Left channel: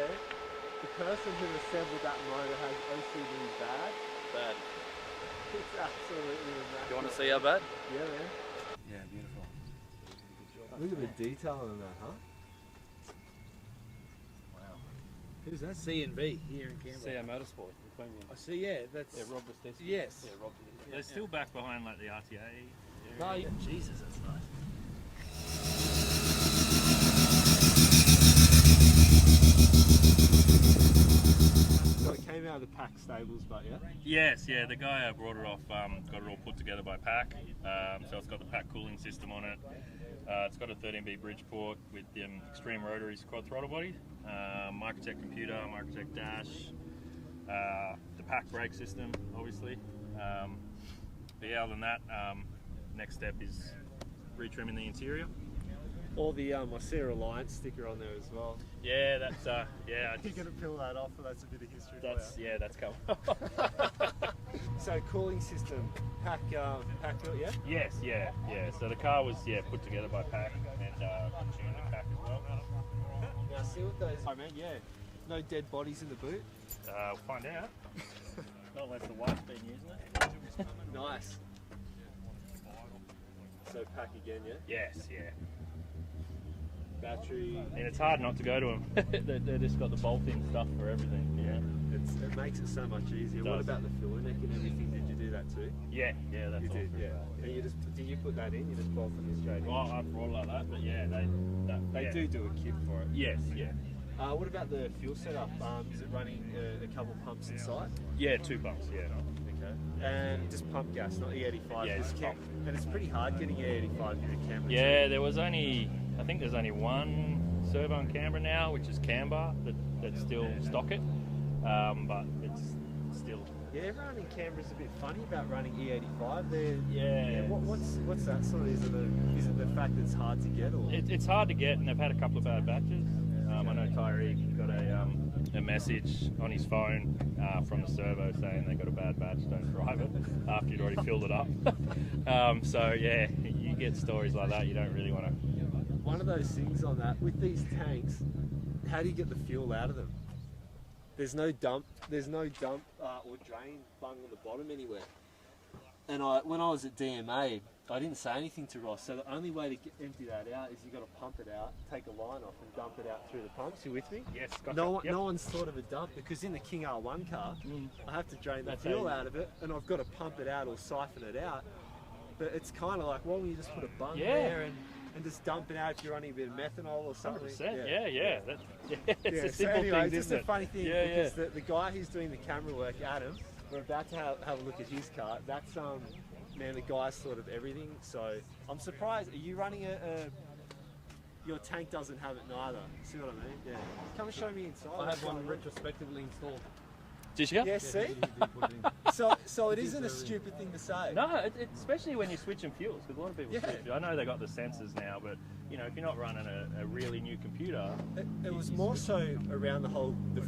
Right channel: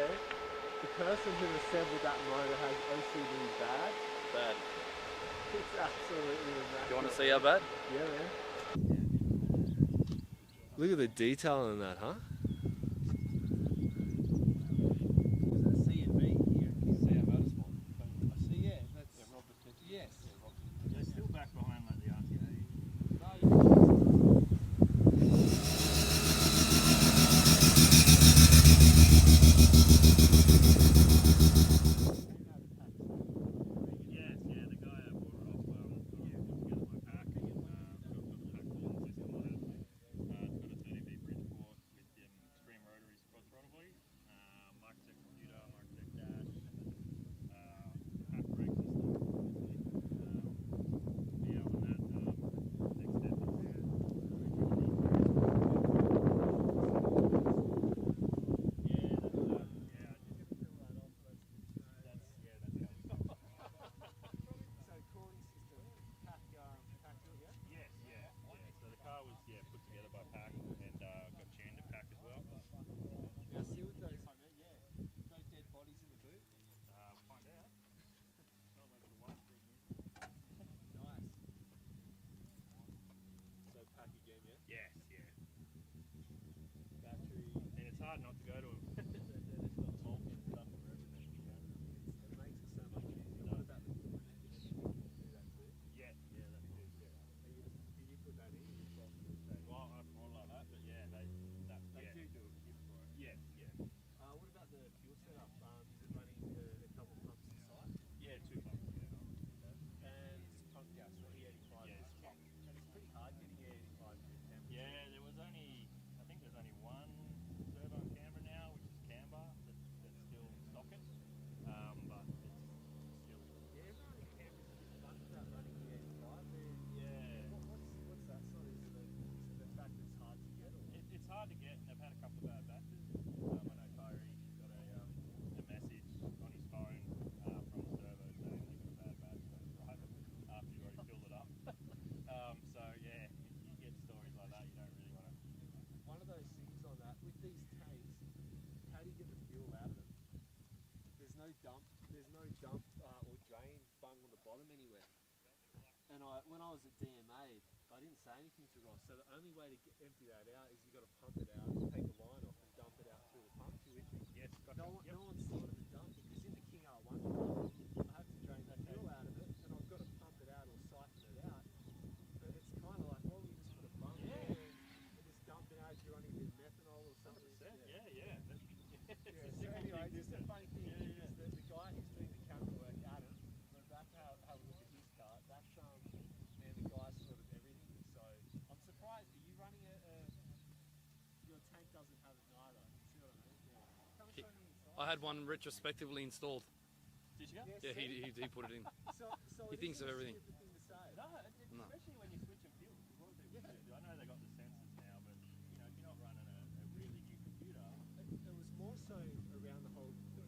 swear, the person who assembled that motor has OCD bad. Bad. It's absolutely immaculate. Do you want to see how bad? Yeah, man. Yeah, beautiful. Look at the detail in that, huh? Is that C&V here in Canberra? CR Motorsport. I see, yeah, that's... Yeah, Rob was testing. Yes. Yeah, Rob did it. They're still back behind like the RTA. Oh, yeah, Jesus, that's nice. So it came out of the pack stables, but yeah. Yes, yeah, the guy brought it off, got it all put together by Pack. So it's got the Pack cooling system on it. It's got a 13B Bridgeport with the Extreme Rotary quad throttle body, Microtech computer, Microtech dash, the Pack brake system, obviously. But yeah, other than that, next step is retrimming the interior. All the I see a Reliance sticker on there as well. Yeah, that's yeah. You're gonna peel that off, but that's a bit of history. That's for you. yeah, that's coming. So cooling system, pack built, yeah. Yes, yeah. So the car was put together by Pack and tuned to Pack as well. Now see what those. I mean, yeah. No dead bodies in the boot. We'll find out. Not unless the wife's been using it. Nice. So pack again, yeah. Yes, yeah. Battery. And it's hard not to go to them. They just got the bolt-in stuff for everything. Yeah. It makes it so much easier. What about the filler neck and everything? Did you do that too? Yeah, that's You all. did, yeah. And you just did you put that in? You just bolted it straight in. Well, I brought like that, but yeah, they They do a kit for it. Yes, yeah. What about the fuel setup? Is it running a couple pumps inside? Yeah, 2 pumps. Yeah. Okay. And just pump gas, not E85. Yeah, just pump. And it's pretty hard getting E85 here in Canberra. Yeah, I think there's only one servo in Canberra now, which is Canberra, that still stock it. But it's still. Yeah, everyone in Canberra's a bit funny about running E85. Yeah. What's that sort of? Is it the fact that it's hard to get, or? It's hard to get, and they've had a couple of bad batches. I know Tyree got a message on his phone from the servo saying they got a bad batch, don't drive it, after you'd already filled it up. So yeah, you get stories like that, you don't really want to. One of those things on that, with these tanks, how do you get the fuel out of them? There's no dump or drain bung on the bottom anywhere. And when I was at DMA, I didn't say anything to Ross, so the only way to empty that out is you got to pump it out, take a line off and dump it out through the pumps. You with me? Yes, gotcha. No one's thought of a dump, because in the King R1 car, I have to drain the fuel out of it and I've got to pump it out or siphon it out. But it's kind of like, why don't you just put a bung there and just dump it out if you're running a bit of methanol or something? 100%, it's a So simple anyway, thing, just isn't a funny thing, Yeah, because the guy who's doing the camera work, Adam, we're about to have a look at his car. That's man, the guy's thought of everything. So I'm surprised. Are you running your tank doesn't have it neither. See what I mean? Yeah. Come and show me inside. I had one retrospectively installed. Did you? Yeah, see? He put it in. So it isn't a stupid thing to say. No, especially when you're switching fuels, because a lot of people switch. I know they got the sensors now, but you know, if you're not running a really new computer, It was more so around the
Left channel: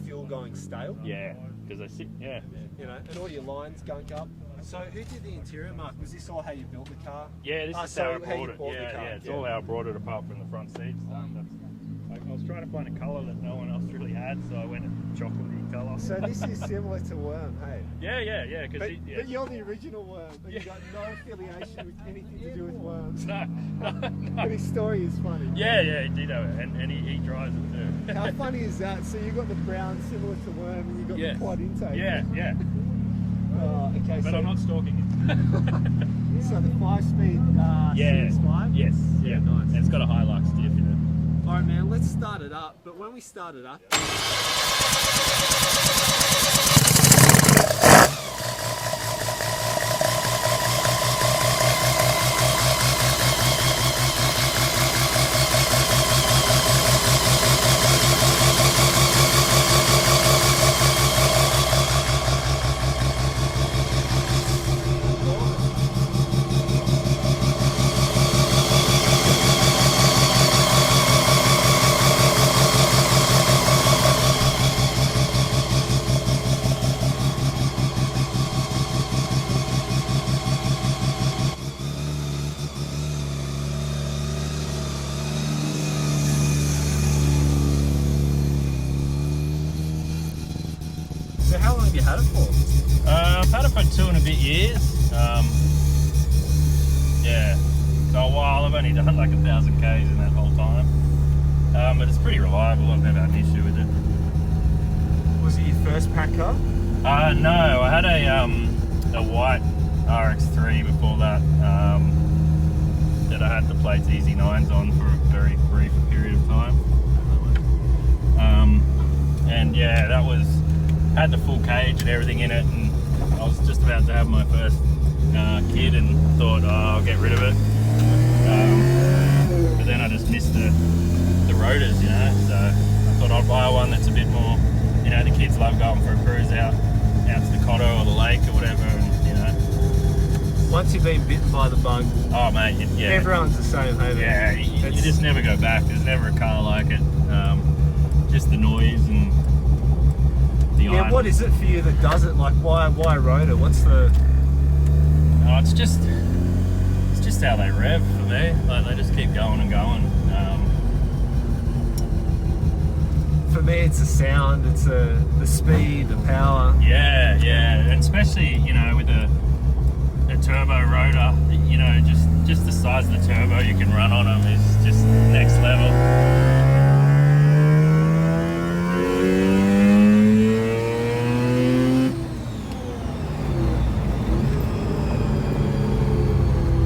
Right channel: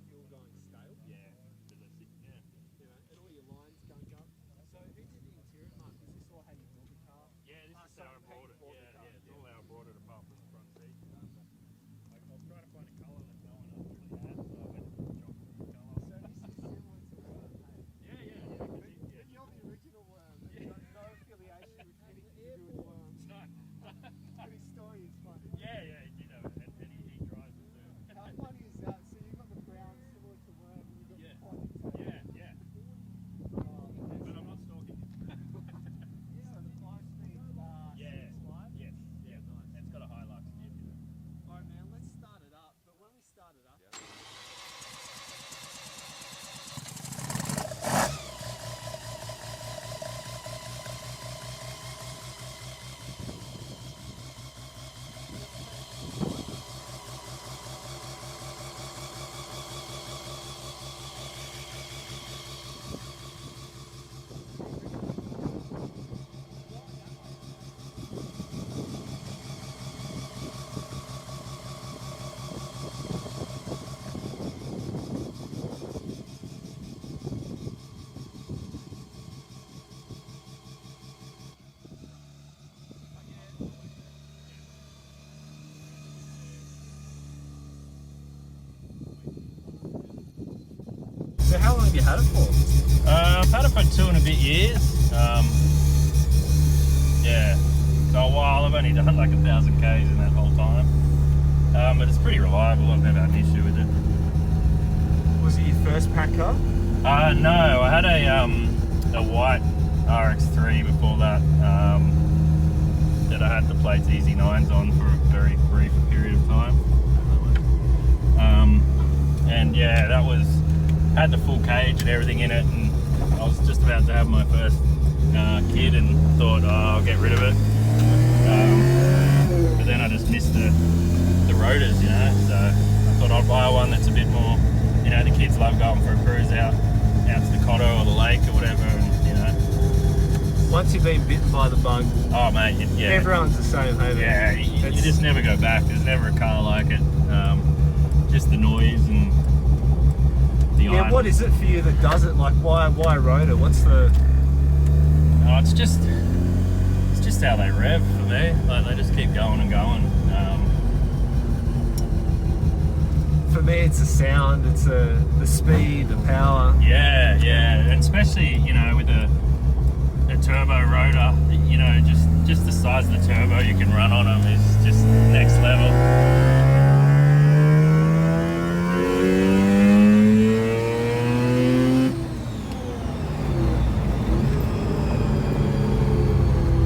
fuel going stale. yeah, because they sit, You know, and all your lines gunk up. So who did the interior, Mark? Was this all how you built the car? yeah, this is so how I how brought you it. bought the Yeah, car. it's all how I brought it apart from the front seats. I was trying to find a colour that no one else really had, so I went a chocolatey colour. So this is similar to Worm, hey? Yeah. But you're the original Worm. You got no affiliation with anything to do with Worms. No. But his story is funny. Yeah, he did have it, and he drives it too. How funny is that? So you got the brown similar to Worm, and you got the quad intake. Yeah. Okay. But so, I'm not stalking it. So the 5-speed CX5. Yes. Yeah, nice. And it's got a Hilux diff in it. All right, man. Let's start it up. But when we start it up. How long have you had it for? I've had it for 2 and a bit years. Yeah, so a while. I've only done like 1,000 Ks in that whole time. But it's pretty reliable. I've never had an issue with it. Was it your first pack car? No, I had a white RX3 before that. That I had the plates Easy 9s on for a very brief period of time. And yeah, that was had the full cage and everything in it, and I was just about to have my first kid and thought, oh, I'll get rid of it. But then I just missed the rotors, you know, so I thought I'd buy one that's a bit more, you know, the kids love going for a cruise out to the Cotto or the lake or whatever, and you know. Once you've been bitten by the bug, Oh mate, yeah. everyone's the same, hey? Yeah, you just never go back. There's never a car like it. Just the noise and the Yeah, iron. what is it for you that does it? Like, why rotor? What's the... Oh, it's just how they rev for me. Like they just keep going and going. For me, it's the sound, it's the speed, the power. Yeah, and especially, you know, with a turbo rotor, you know, just the size of the turbo you can run on them is just next level.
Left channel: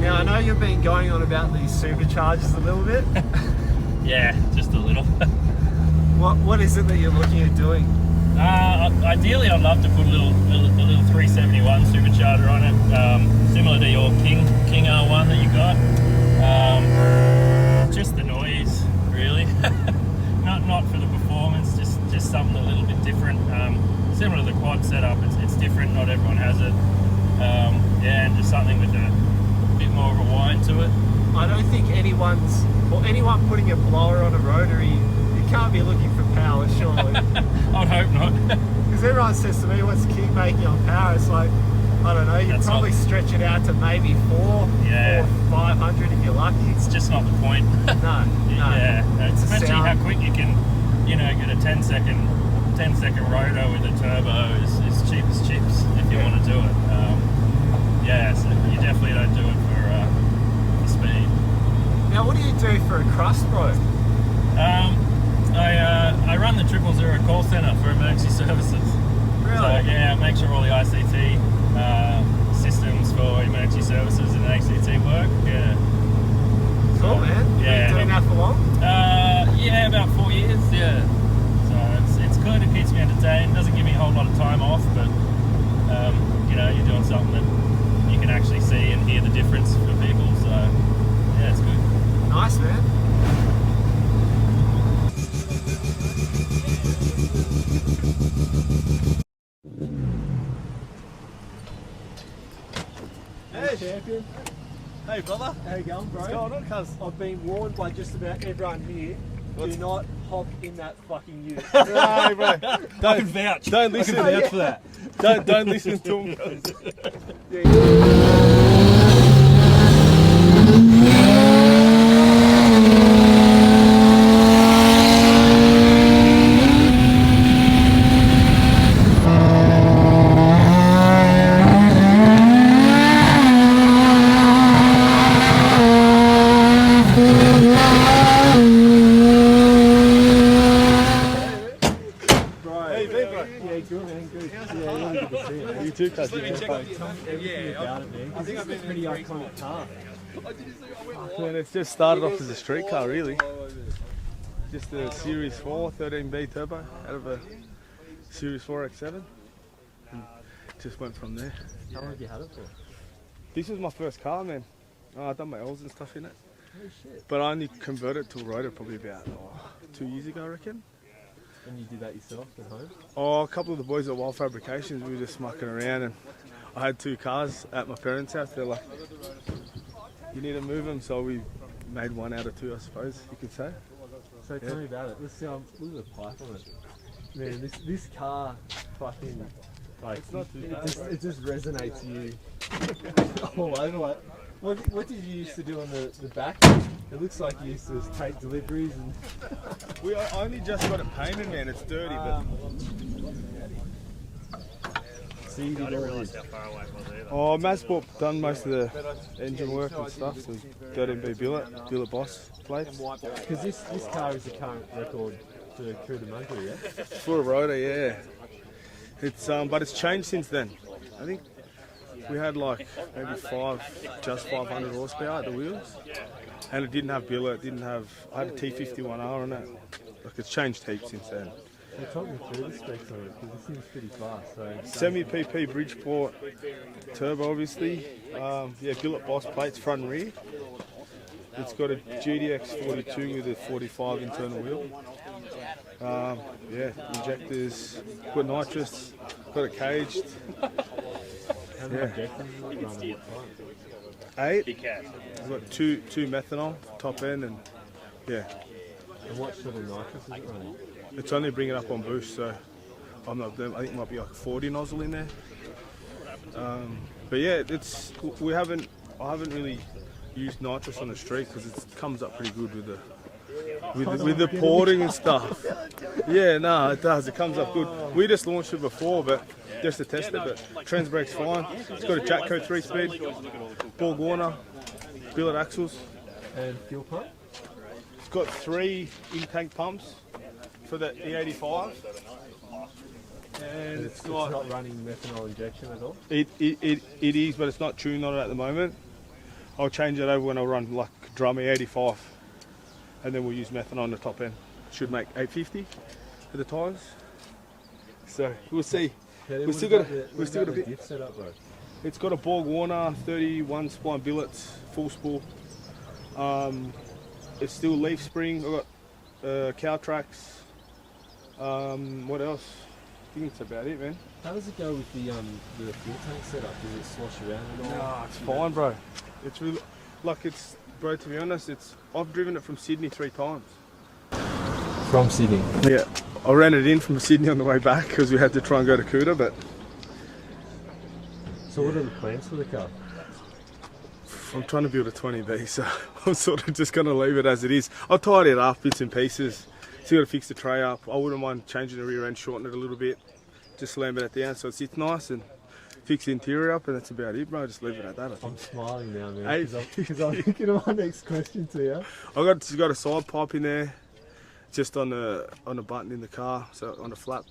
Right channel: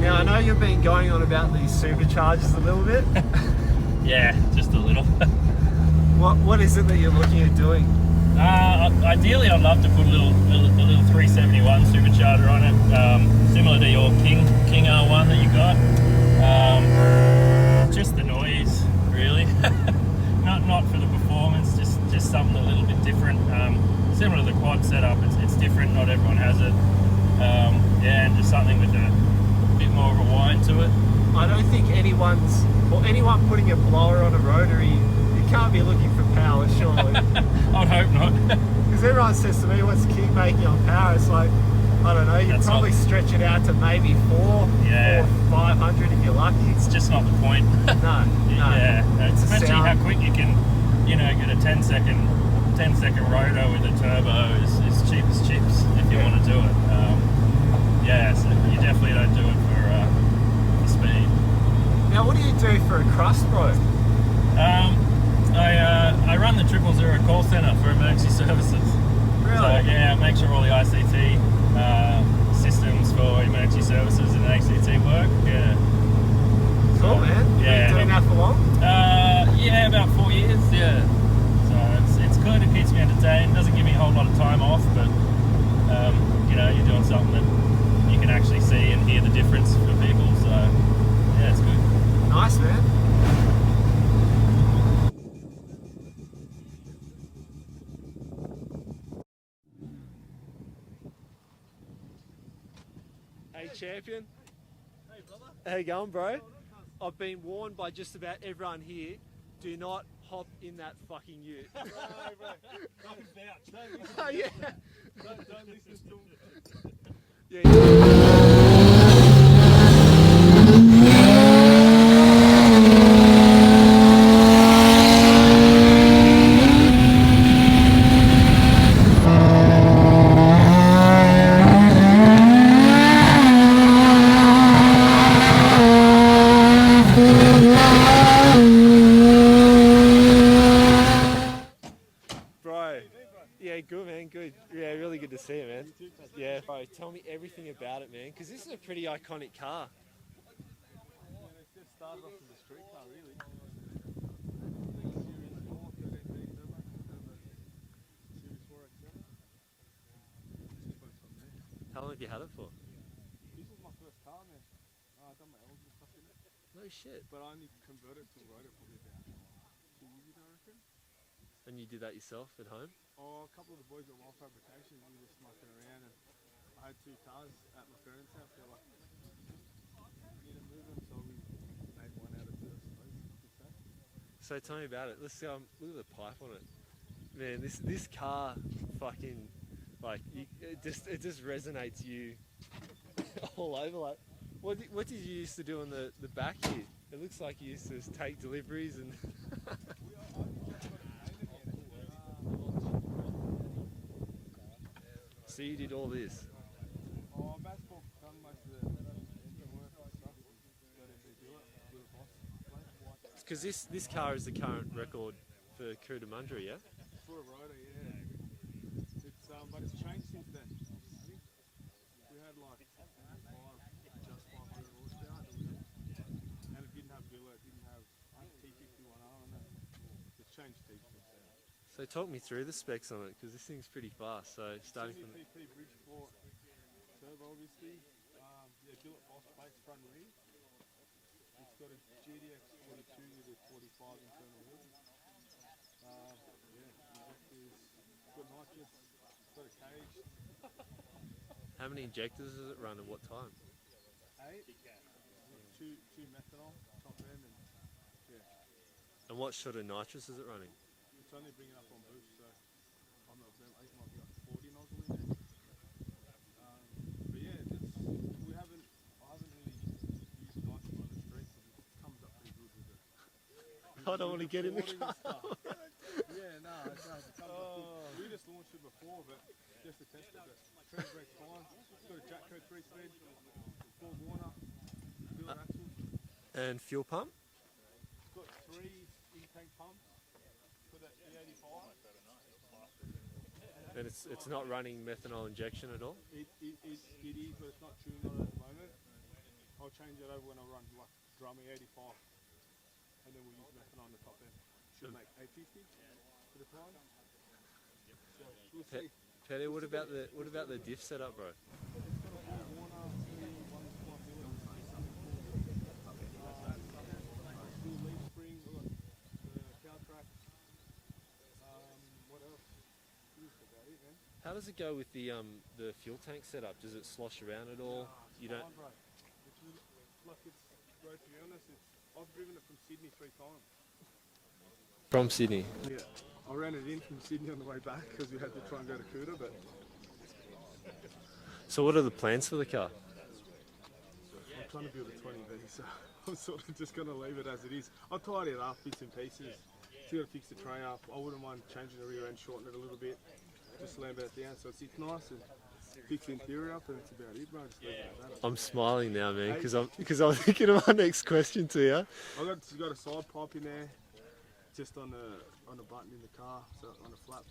Now, I know you've been going on about these superchargers a little bit. Yeah, just a little. What is it that you're looking at doing? Ideally, I'd love to put a little 371 supercharger on it, similar to your King R1 that you got. Just the noise, really. not for the performance, just something a little bit different. Similar to the quad setup, it's different. Not everyone has it. Yeah, and just something with a bit more of a whine to it. I don't think anyone putting a blower on a Rotary, you can't be looking for power, surely. I'd hope not. Because everyone says to me, what's the kick making on power? It's like, I don't know, you'd probably stretch it out to maybe 4 Yeah. or 500 if you're lucky. It's just not the point. No. Yeah, It's a especially sound. how quick you can, you know, get a 10-second rotor with a turbo is cheap as chips if you want to do it. Yeah, so you definitely don't do it for speed. Now, what do you do for a crust, bro? I run the 000 call centre for emergency services. Really? So yeah, make sure all the ICT systems for emergency services and ACT work. Yeah. Cool, man. Yeah. Been doing that for long? Yeah, about 4 years. Yeah. So it's good. It keeps me entertained. Doesn't give me a whole lot of time off, but you know, you're doing something that you can actually see and hear the difference for people. So yeah, it's good. Nice, man. Hey, champion. Hey brother, How you going, bro? what's going on, cuz? I've been warned by just about everyone here. Do not hop in that fucking ute. No, bro. I can vouch. Don't listen. I can vouch for that. Don't listen to him. Hey, bro. Yeah, good, man, good. Yeah, really good to see you, man. You too, cuz. Tell me everything about it, man. 'Cause this is a pretty iconic car. Man, it's just started off as a street car, really. Just a Series 4 13B turbo out of a Series 4 X7. And just went from there. How long have you had it for? This was my first car, man. I've done my oils and stuff in it. Oh shit. But I only converted to a rotor probably about 2 years ago, I reckon. And you did that yourself at home? Oh, a couple of the boys at Wild Fabrications, we were just mucking around, and I had 2 cars at my parents' house. They're like, you need to move them, so we made one out of 2, I suppose you could say. So tell me about it. Let's look at the pipe on it. Man, this car fucking like it just resonates you all over. Like, what did you used to do on the back? It looks like you used to just take deliveries and. I only just got it painted, man. It's dirty, but So you did all realise this. how far away it was either. Oh, Mazsport done most of the engine work and stuff. So 13B billet boss plates. Because this car is the current record for Cootamundra, yeah? For a Rotary, yeah. It's but it's changed since then. I think we had like maybe just 500 horsepower at the wheels, and it didn't have billet. I had a T51R on it. Like it's changed heaps since then. So talk me through the specs on it, because this seems pretty fast. So Semi PP Bridgeport turbo, obviously. Yeah, billet boss plates front and rear. It's got a GDX 42 with a 45 internal wheel. Yeah, injectors, got nitrous, got it caged. how many injectors is it running? What time? 8. Big cat. I've got two methanol top end, and yeah, And what sort of nitrous is it running? it's only bringing up on boost, so I'm not. I think it might be like 40 nozzle in there. But yeah, I haven't really used nitrous on the street because it comes up pretty good with the porting and stuff. Yeah, no, it does. It comes up good. We just launched it before, but just to test it. But trans brake's fine. It's got a Jatco 3-speed, Borg Warner, billet axles. And fuel pump? It's got 3 in-tank pumps for the E85. And It's not running methanol injection at all? it is, but it's not tuned on it at the moment. I'll change it over when I run like drum E85, and then we'll use methanol on the top end. Should make 850 for the tyres. So we'll see. Yeah, We've what still about got a- the- we've what still about got a the diff setup, bro? It's got a Borg Warner 31 spline billets, full spool. It's still leaf spring. I've got cow tracks. What else? I think that's about it, man. How does it go with the fuel tank setup? Does it slosh around at all? Nah, it's fine, bro. It's really bro. To be honest, I've driven it from Sydney 3 times. From Sydney. Yeah, I ran it in from Sydney on the way back because we had to try and go to Kuta, but So what are the plans for the car? I'm trying to build a 20B, so I'm sort of just going to leave it as it is. I'll tidy it up, bits and pieces. Still got to fix the tray up. I wouldn't mind changing the rear end, shorten it a little bit, just lamb it at the end so it sits nice, and fix the interior up, and that's about it, bro. Just leave it at that. I think. I'm smiling now, man, Hey. because I'm thinking of my next question to you. Got a side pipe in there, just on the button in the car, so on the flap.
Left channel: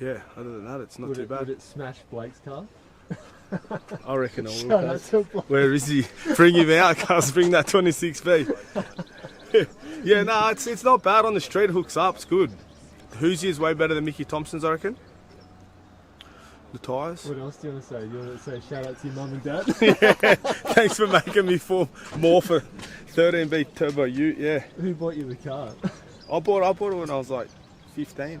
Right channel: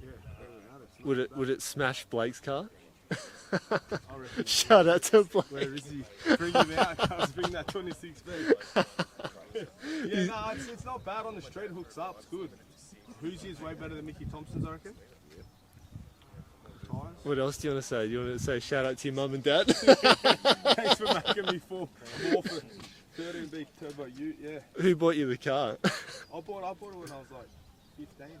Yeah, other than that, it's not too bad. Would it smash Blake's car? I reckon I would. Shout out to Blake. Where is he? Bring him out, cuz. Bring that 26B. Yeah, no, it's not bad on the street. It hooks up. It's good. The Hoosier is way better than Mickey Thompson's, I reckon. The tyres. What else do you want to say? Do you want to say shout out to your mum and dad? Thanks for making me fall more for 13B Turbo Ute. Yeah, Who bought you the car? I bought it when I was like 15.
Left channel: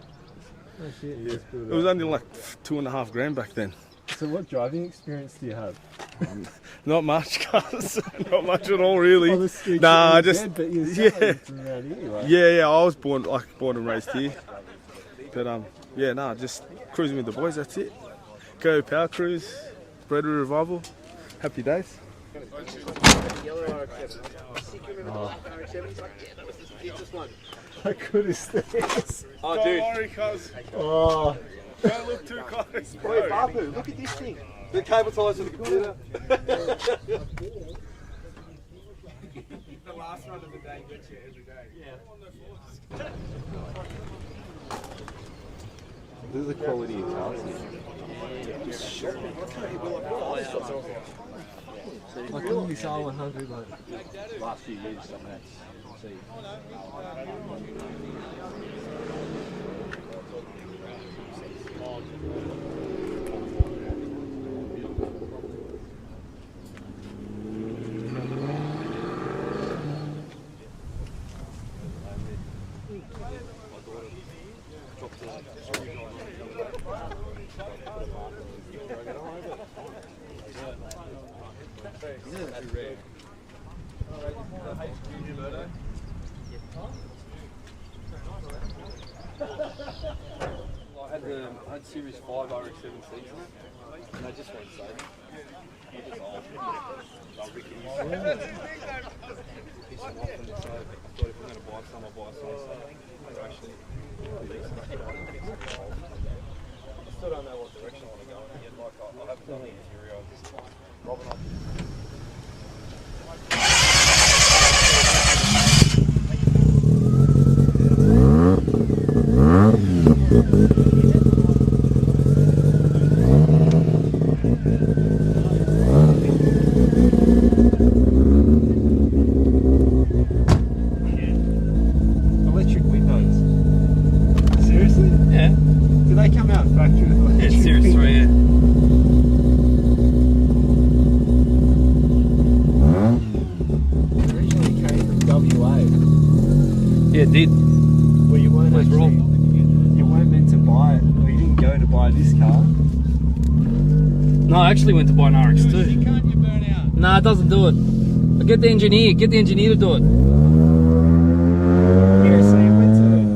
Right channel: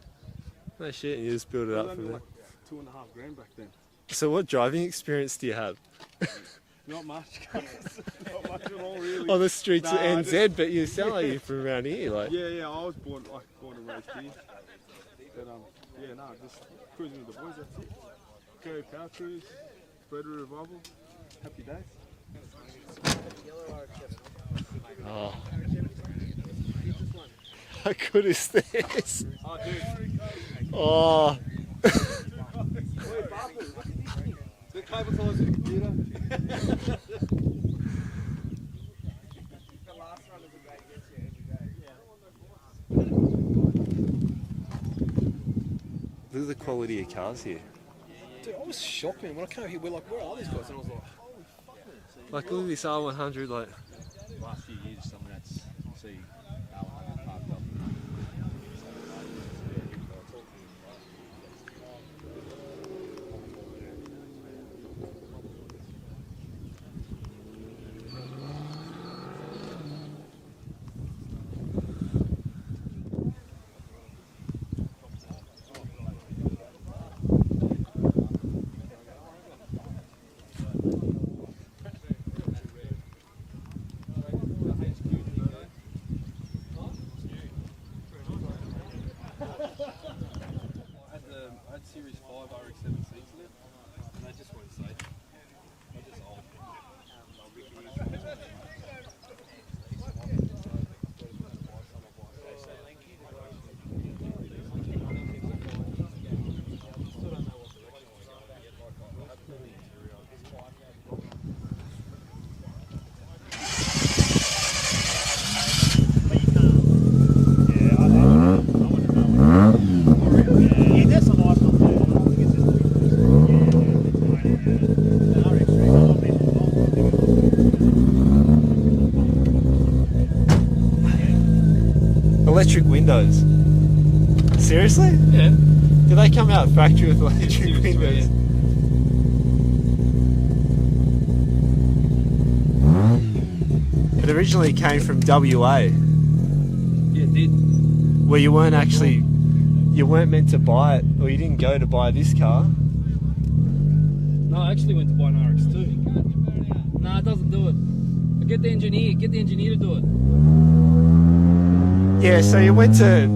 No shit, you just built It was only like $2.5 grand back then. So what driving experience do you have? Not much, cuz. Not much at all, really. On the streets Nah, of NZ, just but you're selling from around here. Like. yeah. I was born and raised here. But yeah, nah, just cruising with the boys. That's it. Go Power Cruise, Rotary Revival. Happy days. How good is this? Oh, dude. Don't worry, cuz. Oh, Too close. wait, Bapu, look at this thing. The cable ties of the computer. The last run of the day gets you every day. Look at the quality of cars here. Like all this R100, like Last few years, summernats. See. I had Series 5 RX-7 seats in it, and they just weren't safe. They're just old. They're rickety. So, I thought if I'm going to buy some, I'll buy some. So, they're actually decent. still don't know what Electric windows. Seriously? Yeah. Do they come out factory with electric Series windows? 3, yeah. It originally came from WA, Yeah, it did. where you weren't meant to buy it, or you didn't go to buy this car. No, I actually went to buy an RX2. No, it doesn't do it. Get the engineer to do it. Yeah, so you went to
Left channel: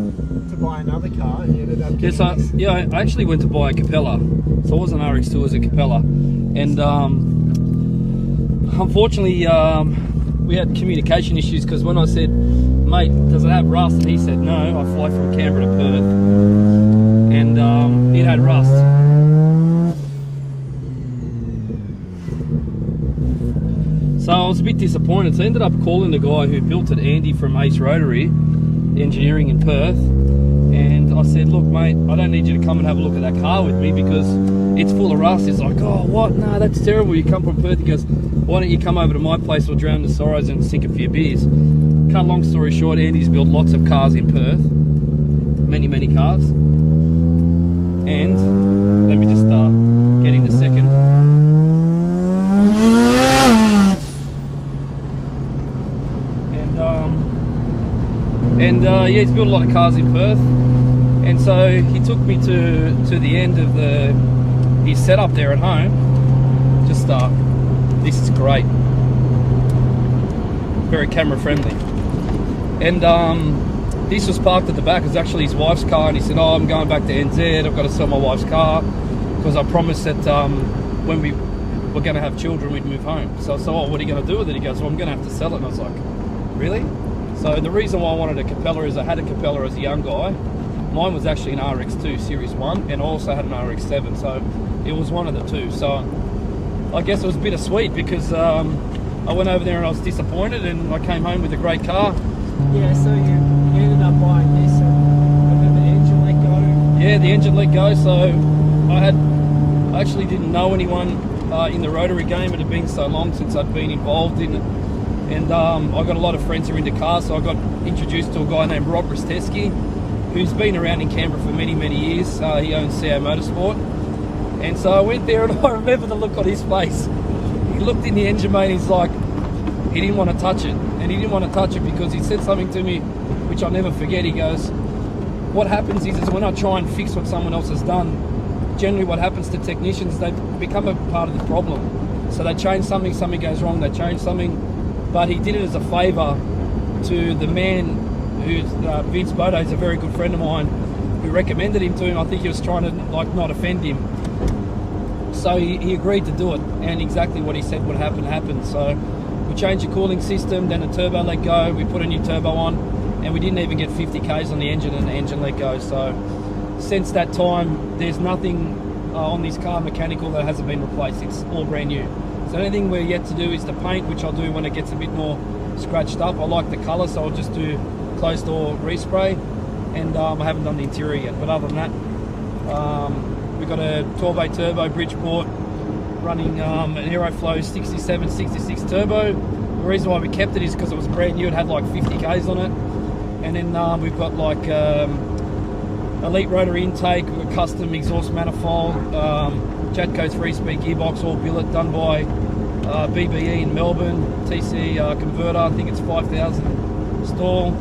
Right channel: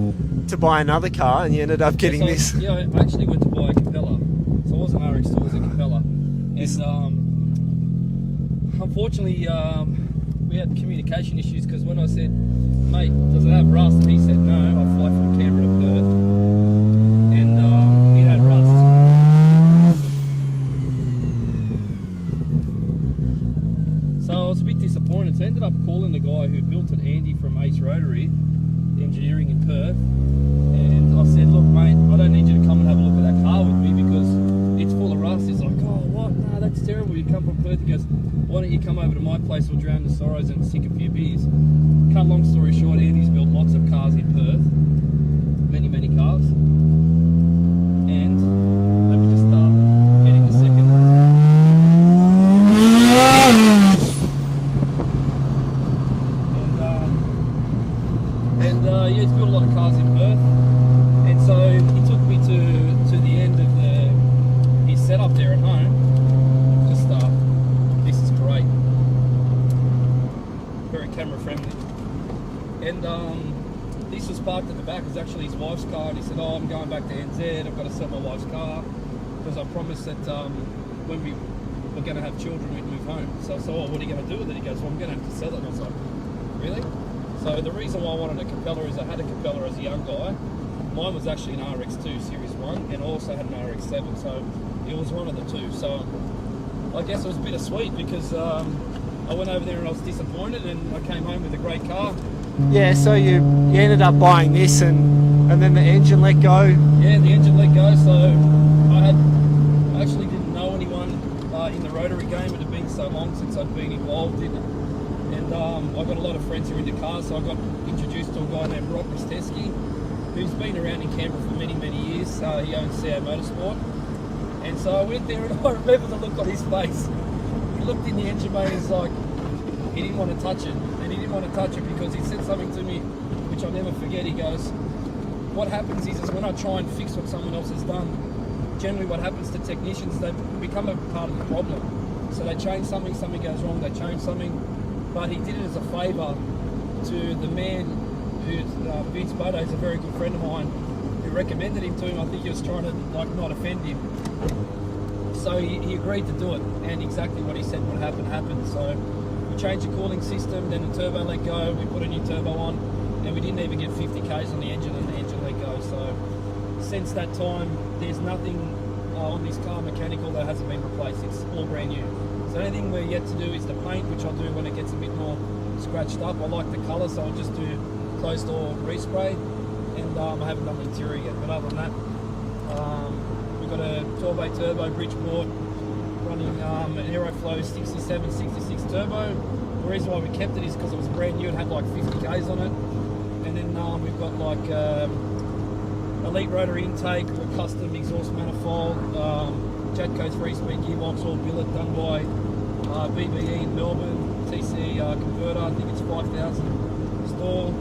buy another car and you ended up getting this. Yeah, I actually went to buy a Capella. So it wasn't an RX2, it was a Capella. And unfortunately, we had communication issues because when I said, mate, does it have rust? And he said, no, I fly from Canberra to Perth. And it had rust. So I was a bit disappointed. So I ended up calling the guy who built it, Andy from Ace Rotary Engineering in Perth. And I said, look, mate, I don't need you to come and have a look at that car with me because it's full of rust. He's like, oh, what? No, that's terrible. You come from Perth. He goes, why don't you come over to my place? We'll drown the sorrows and sink a few beers. Cut long story short, Andy's built lots of cars in Perth. Many, many cars. And let me just start getting the second. Yeah, he's built a lot of cars in Perth, and so he took me to the end of his setup there at home. Just this is great, very camera friendly, and this was parked at the back. It's actually his wife's car, and he said, "Oh, I'm going back to NZ. I've got to sell my wife's car because I promised that when we were going to have children, we'd move home." So I said, "Oh, what are you going to do with it?" He goes, "Well, I'm going to have to sell it." And I was like, "Really?" So the reason why I wanted a Capella is I had a Capella as a young guy. Mine was actually an RX2 Series 1 and I also had an RX7, so it was one of the two. So I guess it was bittersweet because I went over there and I was disappointed and I came home with a great car. Yeah, so you ended up buying this and then the engine let go. Yeah, the engine let go, so I actually didn't know anyone in the Rotary game. It had been so long since I'd been involved in it. And I got a lot of friends who are into cars, so I got introduced to a guy named Rob Risteski, who's been around in Canberra for many, many years. He owns CA Motorsport. And so I went there and I remember the look on his face. He looked in the engine bay and he's like, he didn't want to touch it. And he didn't want to touch it because he said something to me, which I'll never forget. He goes, what happens is when I try and fix what someone else has done, generally what happens to technicians, they become a part of the problem. So they change something, something goes wrong, they change something. But he did it as a favour to the man who's Vince Bodo, is a very good friend of mine, who recommended him to him. I think he was trying to not offend him. So he agreed to do it, and exactly what he said would happen happened. So we changed the cooling system, then the turbo let go, we put a new turbo on, and we didn't even get 50 Ks on the engine and the engine let go. So since that time, there's nothing on this car mechanical that hasn't been replaced. It's all brand new. So the only thing we're yet to do is the paint, which I'll do when it gets a bit more scratched up. I like the colour, so I'll just do closed door respray, and I haven't done the interior yet. But other than that, we've got a 12A turbo Bridgeport running an Aeroflow 67, 66 turbo. The reason why we kept it is because it was brand new. It had like 50 Ks on it. And then we've got like Elite Rotary intake, a custom exhaust manifold, Jatco 3-speed gearbox, all billet, done by BBE in Melbourne, TC converter, I think it's 5,000 stall,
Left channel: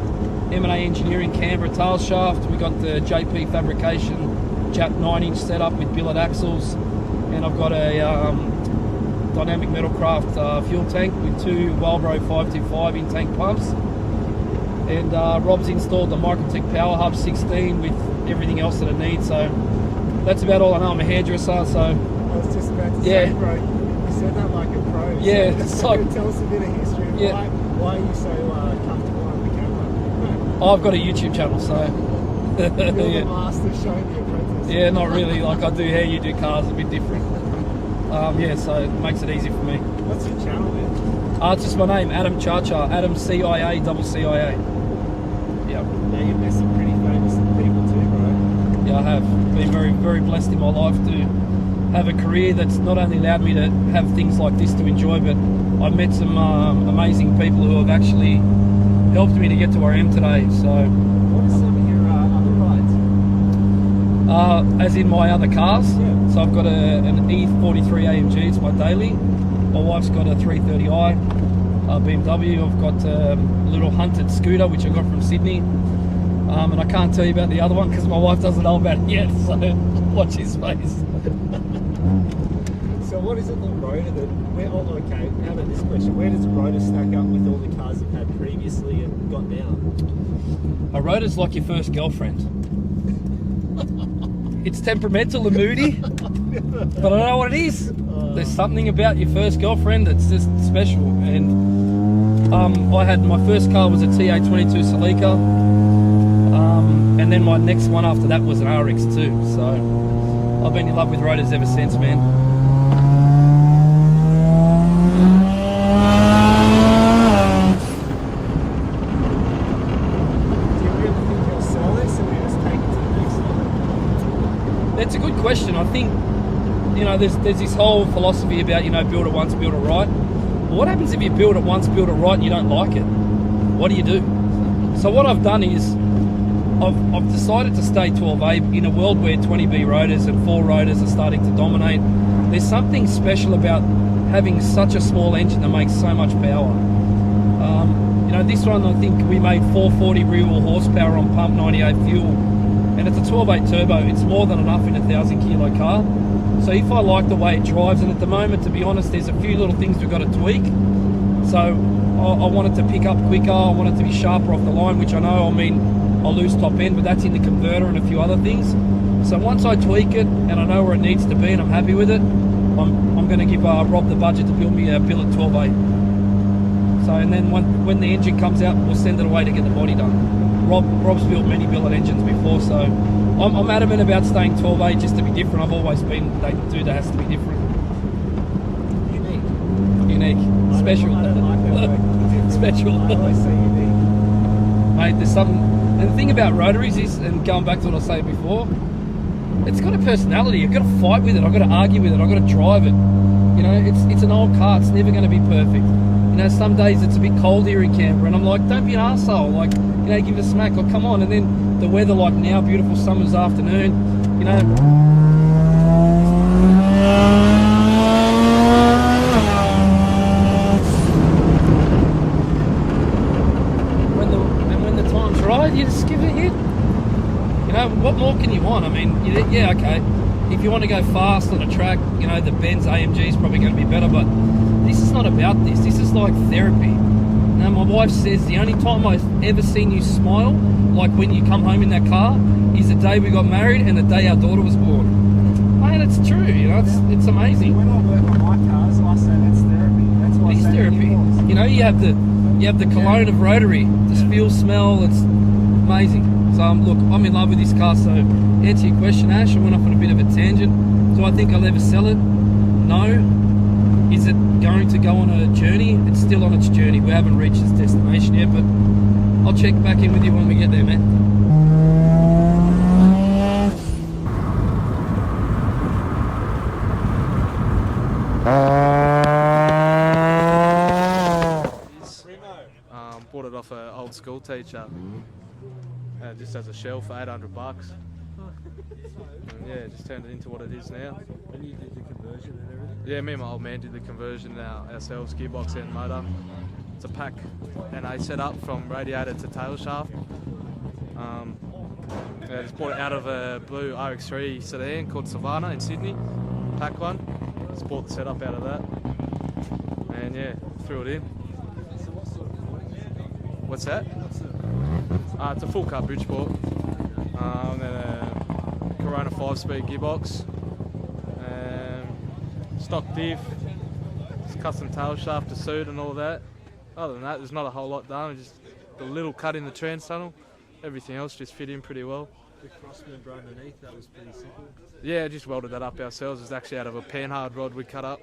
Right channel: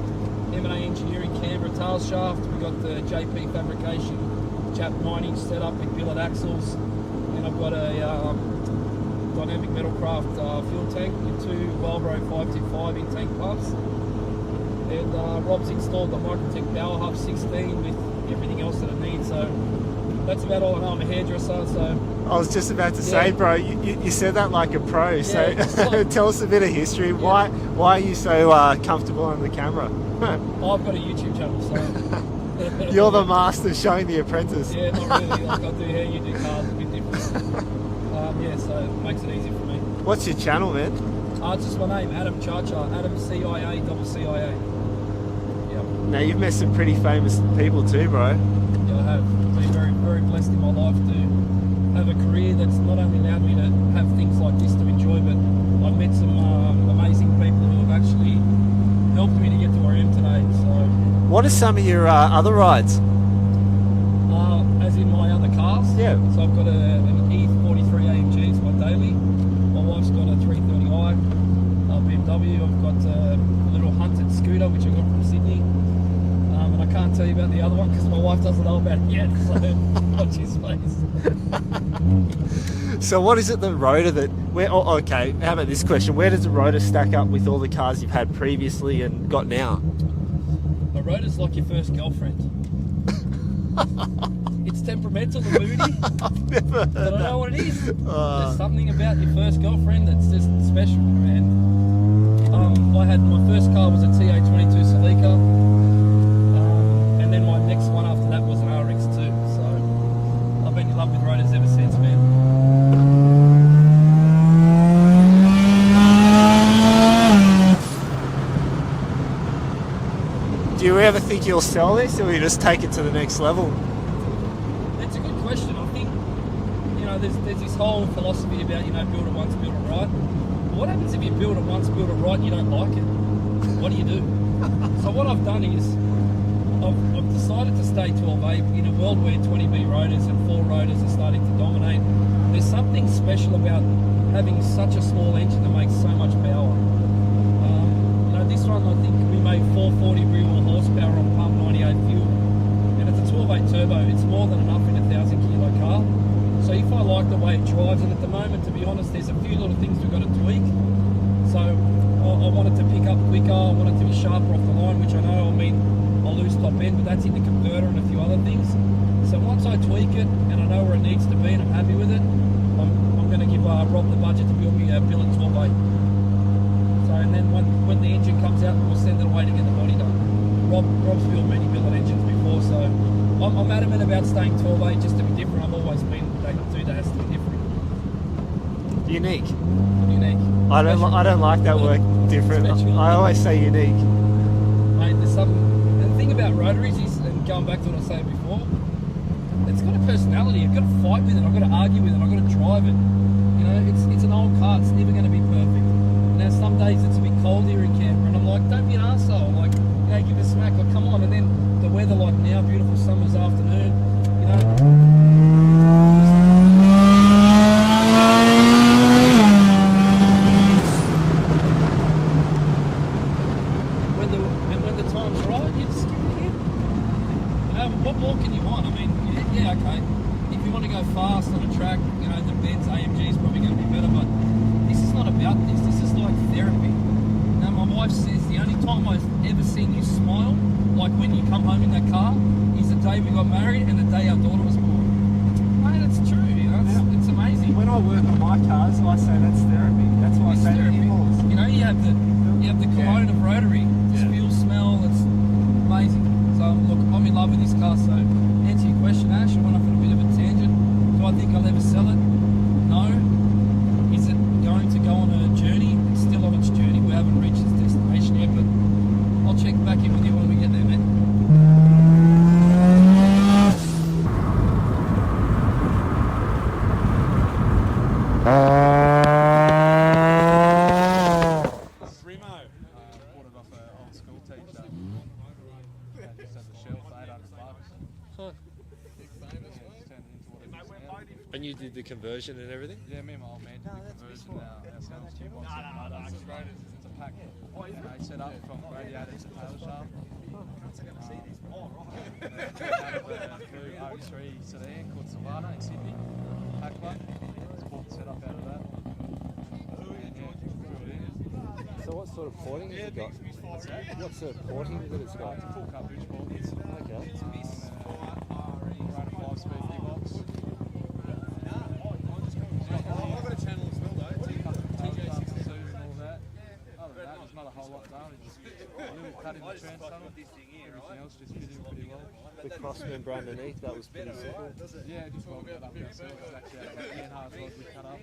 M&A Engineering Canberra tail shaft. We got the JP Fabrication Jap 9-inch setup with billet axles, and I've got a Dynamic Metalcraft fuel tank with two Walbro 525 in-tank pumps, and Rob's installed the Microtech Power Hub 16 with everything else that it needs. So that's about all I know. I'm a hairdresser, so... I was just about to say, bro, you said that like a pro. Yeah, so tell us a bit of history. Yeah. Why are you so comfortable on the camera? I've got a YouTube channel, so... You're the master showing the apprentice. Yeah, not really. Like I do hair, you do cars, a bit different. Yeah, so it makes it easy for me. What's your channel, man? It's just my name, Adam Chacha, Adam CIA. Yeah, Now you've met some pretty famous people too, bro. yeah, I have been very, very blessed in my life to have a career that's not only allowed me to have things like this to enjoy, but I've met some amazing people who have actually helped me to get to where I am today. So, What are some of your other rides? as in my other cars, Yeah. So I've got an E43 AMG, it's my daily. My wife's got a 330i BMW. I've got a little hunted scooter which I got from Sydney, and I can't tell you about the other one because my wife doesn't know about it yet. So watch his face. So what is it the Rotor that? Okay, how about this question? Where does the Rotor stack up with all the cars you've had previously and got now? A Rotor's like your first girlfriend. It's temperamental and moody, but I don't know what it is. There's something about your first girlfriend that's just special. And I had my first car was a TA22 Celica, and then my next one after that was an RX2. So I've been in love with Rotors ever since, man. Do you ever think you'll sell this, or will you just take it to the next level? That's a good question. I think, you know, there's this whole philosophy about, you know, build it once, build it right. What happens if you build it once, build it right, and you don't like it? What do you do? So what I've done is, I've decided to stay 12A in a world where 20B rotors and 4 rotors are starting to dominate. There's something special about having such a small engine that makes so much power. You know, this one I think we made 440 real horsepower on pump 98 fuel, and it's a 12.8 turbo. It's more than enough in a 1,000 kilo car. So if I like the way it drives, and at the moment, to be honest, there's a few little things we've got to tweak. So I want it to pick up quicker, I want it to be sharper off the line, which I know, I mean, I'll lose top end, but that's in the converter and a few other things. So once I tweak it and I know where it needs to be and I'm happy with it, I'm going to give Rob the budget to build me a billet 12.8. So, and then when the engine comes out, we'll send it away to get the body done. Rob's built many billet engines before, so I'm adamant about staying 12.8 just to be different. I've always been that dude that has to be different. Unique. Unique. I don't like that word, different. Special. I always say unique. Mate, there's something. And the thing about rotaries is, and going back to what I said before, it's got a personality. You've got to fight with it. I've got to argue with it. I've got to drive it. You know, it's an old car. It's never going to be perfect. You know, some days it's a bit cold here in Canberra, and I'm like, don't be an arsehole. Like, you know, give it a smack. Or come on. And then the weather, like now, beautiful summer's afternoon. You know. When the time's right, you just give it a hit. You know, what more can you want? I mean, yeah, okay. If you want to go fast on a track, you know, the Benz AMG is probably going to be better, but this is not about this. This is like therapy. Now, my wife says the only time I've ever seen you smile, like when you come home in that car, is the day we got married and the day our daughter was born. Man, it's true. You know, it's amazing. When I work on my cars, I say that's therapy. That's why I It's say therapy. You know, you have the cologne of Rotary, the fuel smell. It's amazing. So look, I'm in love with this car. So to answer your question, Ash, I went off on a bit of a tangent. Do I think I'll ever sell it? No. Is it going to go on a journey? It's still on its journey. We haven't reached its destination yet, but I'll check back in with you when we get there, man. Bought it off an old school teacher. Just as a shell for $800. Yeah, just turned it into what it is now. And you did the conversion and everything? Yeah, me and my old man did the conversion ourselves, gearbox and motor. It's a pack NA setup from radiator to tail shaft. It's bought it out of a blue RX3 sedan called Savannah in Sydney, pack one. Just bought the setup out of that. And yeah, threw it in. So what sort of porting have you got? What's that? What sort of porting? It's a full car Bridgeport. Then a Corona 5-speed gearbox. Stock diff, custom tail shaft to suit and all that. Other than that, there's not a whole lot done. Just a little cut in the trans tunnel. Everything else just fit in pretty well. the cross member underneath, that was pretty simple. Yeah, just welded that up ourselves. It's actually out of a panhard rod we cut up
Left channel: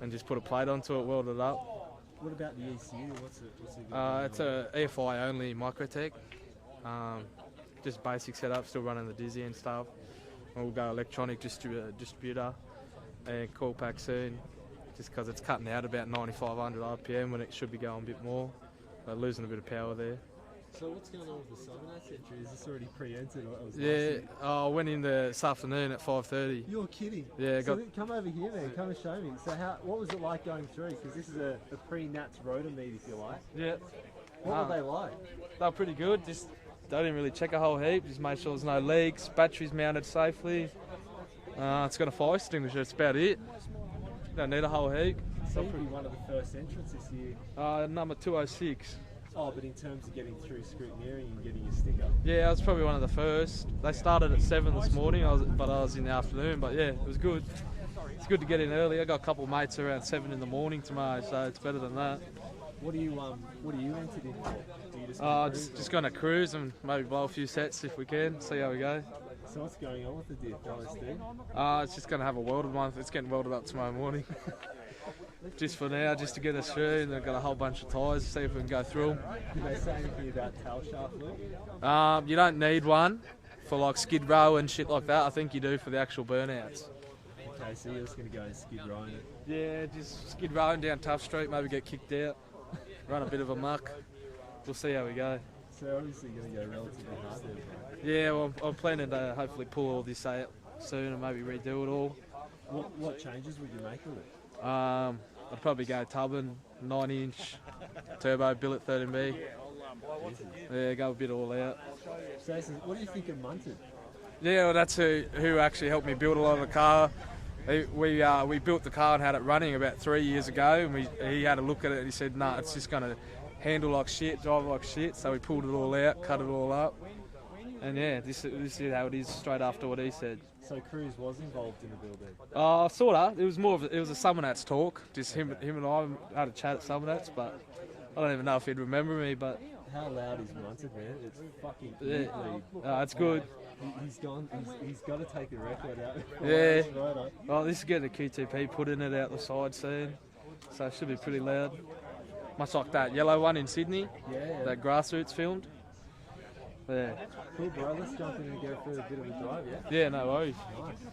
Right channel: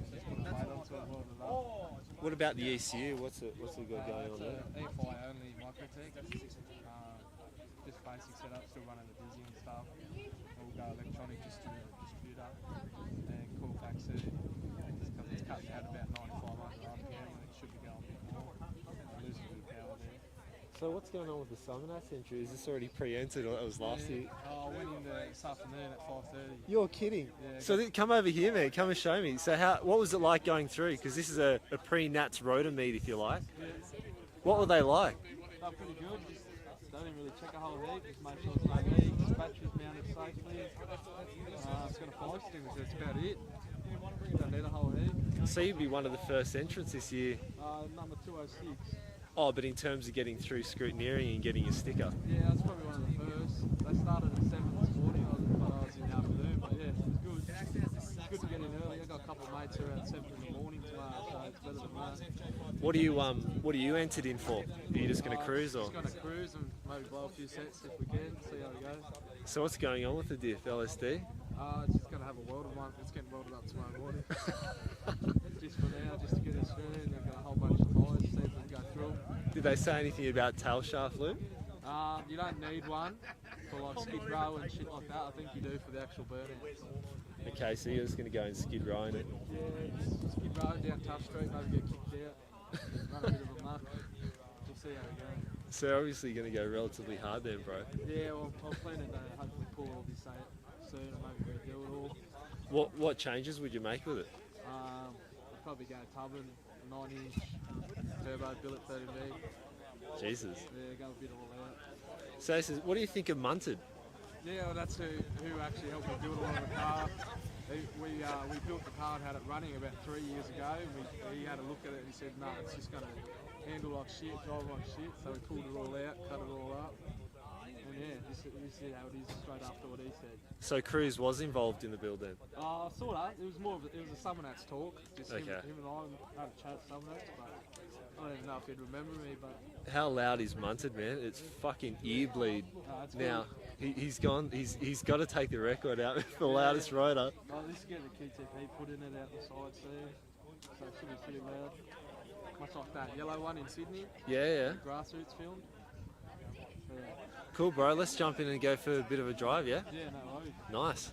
and just put a plate onto it, welded it up. What about the ECU? What's it got? It's a EFI only Microtech. Just basic setup, still running the Dizzy and stuff. We'll go electronic distributor and coil pack soon, just because it's cutting out about 9,500 RPM when it should be going a bit more. Losing a bit of power there. So what's going on with the summernats entry? Is this already preempted, or that was last Yeah, year? I went in this afternoon at 5:30. You're kidding. Yeah, So come over here, man. Come and show me. So what was it like going through? Because this is a pre-nats rotor meet, if you like. Yeah, What were they like? they're pretty good. Just they didn't really check a whole heap. Just made sure there's no leaks, batteries mounted safely. It's got a fire extinguisher. That's about it. Don't need a whole heap. So you'd be one of the first entrants this year. Number 206. Oh, but in terms of getting through scrutineering and getting your sticker. Yeah, I was probably one of the first. They started at 7 this morning, but I was in the afternoon. But yeah, it was good. It's good to get in early. I got a couple of mates around 7 in the morning tomorrow, so it's better than that. What are you entered in for? Are you just going to cruise? Just going to cruise and maybe blow a few sets if we can. See how we go. So what's going on with the diff LSD? It's just going to have a welded one. It's getting welded up tomorrow morning. Just for now, just to get us through. And they've got a whole bunch of tyres, see if we can go through them. Did they say anything about tail shaft lube? You don't need one for like skid row and shit like that. I think you do for the actual burnouts. Okay, so you're just going to go and skid rowing it. Yeah, just skid rowing down Tough Street, maybe get kicked out, run a bit of a muck. We'll see how we go. So you're obviously going to go relatively hard there, bro. Yeah, well, I'm planning to hopefully pull all this out soon and maybe redo it all. What changes would you make with it? I'd probably go tubbing, 9-inch, turbo, billet 13B. Jesus. Yeah, go a bit all out. So what do you think of Munted? Yeah, well, that's who actually helped me build a lot of the car. We built the car and had it running about 3 years ago, and he had a look at it and he said, nah, it's just going to handle like shit, drive like shit. So we pulled it all out, cut it all up. And yeah, this is how it is straight after what he said. So Cruz was involved in the build then? Sorta. It was it was a summernats talk. Just him and I had a chat at summernats, but I don't even know if he'd remember me. But how loud is Munted, man? It's fucking ear bleed. It's good. Now, he's gone. He's got to take the record out for loudest rotor. Oh, this is getting a QTP put in it out the side soon, so it should be pretty loud. Much like that yellow one in Sydney. Yeah. That grassroots filmed. Yeah. Cool, bro. Let's jump in and go for a bit of a drive, yeah? Yeah, no worries. Nice.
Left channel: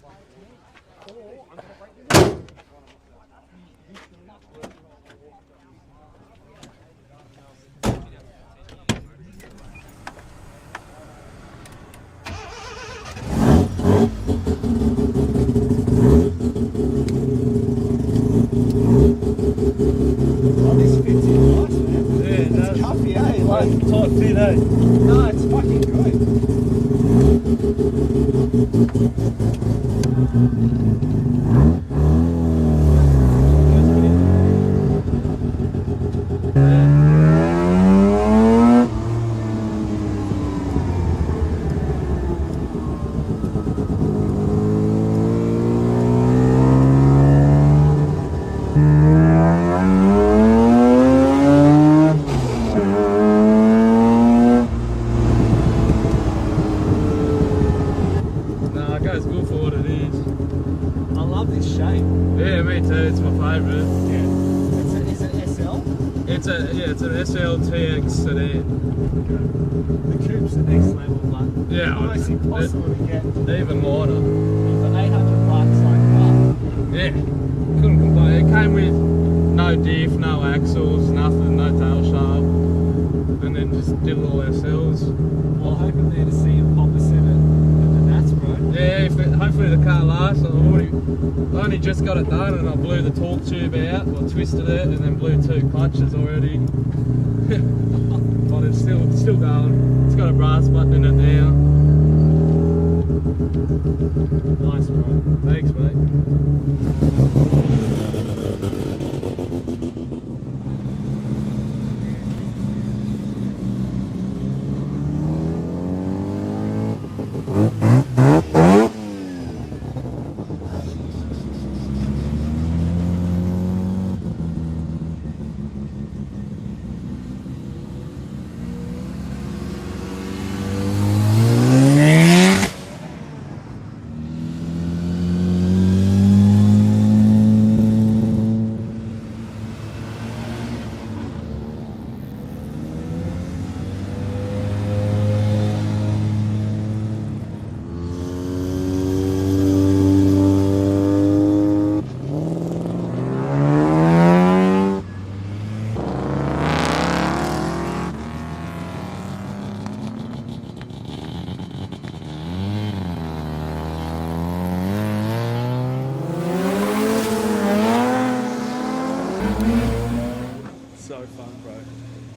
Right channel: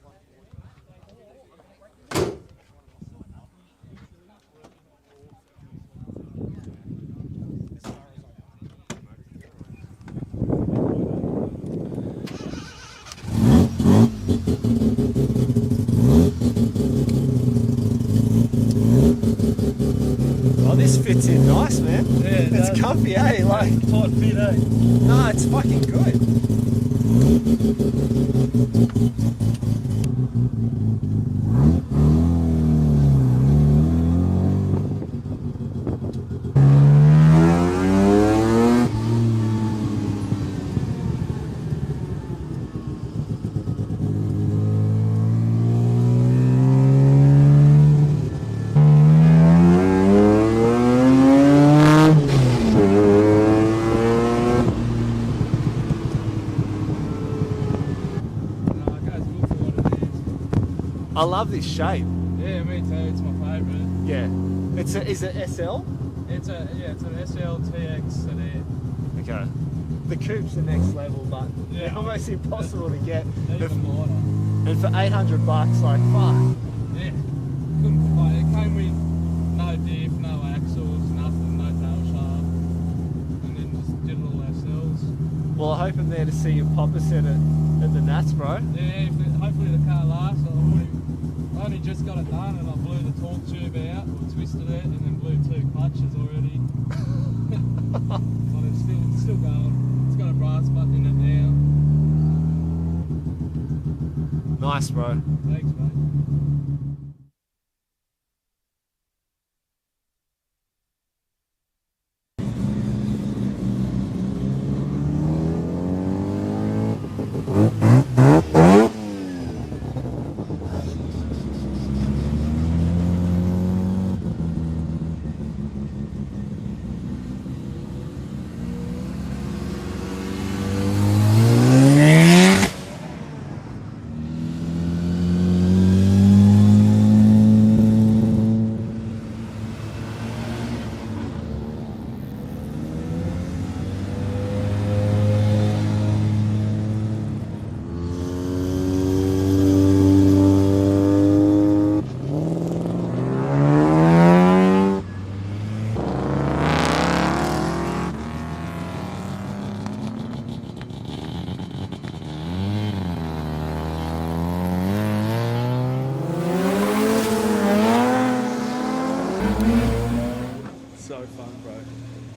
Well, this fits in nice, man. Yeah, it's comfy, eh? Like, tight fit, eh? no, it's fucking good. No, it goes good for what it is. I love this shape. Yeah, me too. It's my favourite. Yeah. Is it SL? It's an SLTX sedan. Okay. The coupe's the next level, but Yeah, it's almost impossible to get. Even lighter. And for $800, like, fuck. Yeah, couldn't complain. It came with no diff, no axles, nothing, no tail shaft, and then just did it all ourselves. Well, I hope I'm there to see you pop a set at the Nats, bro. Yeah, hopefully the car lasts. I only just got it done and I blew the torque tube out, or twisted it, and then blew 2 clutches already. But it's still going. It's got a brass button in it now. Nice, bro. Thanks, mate.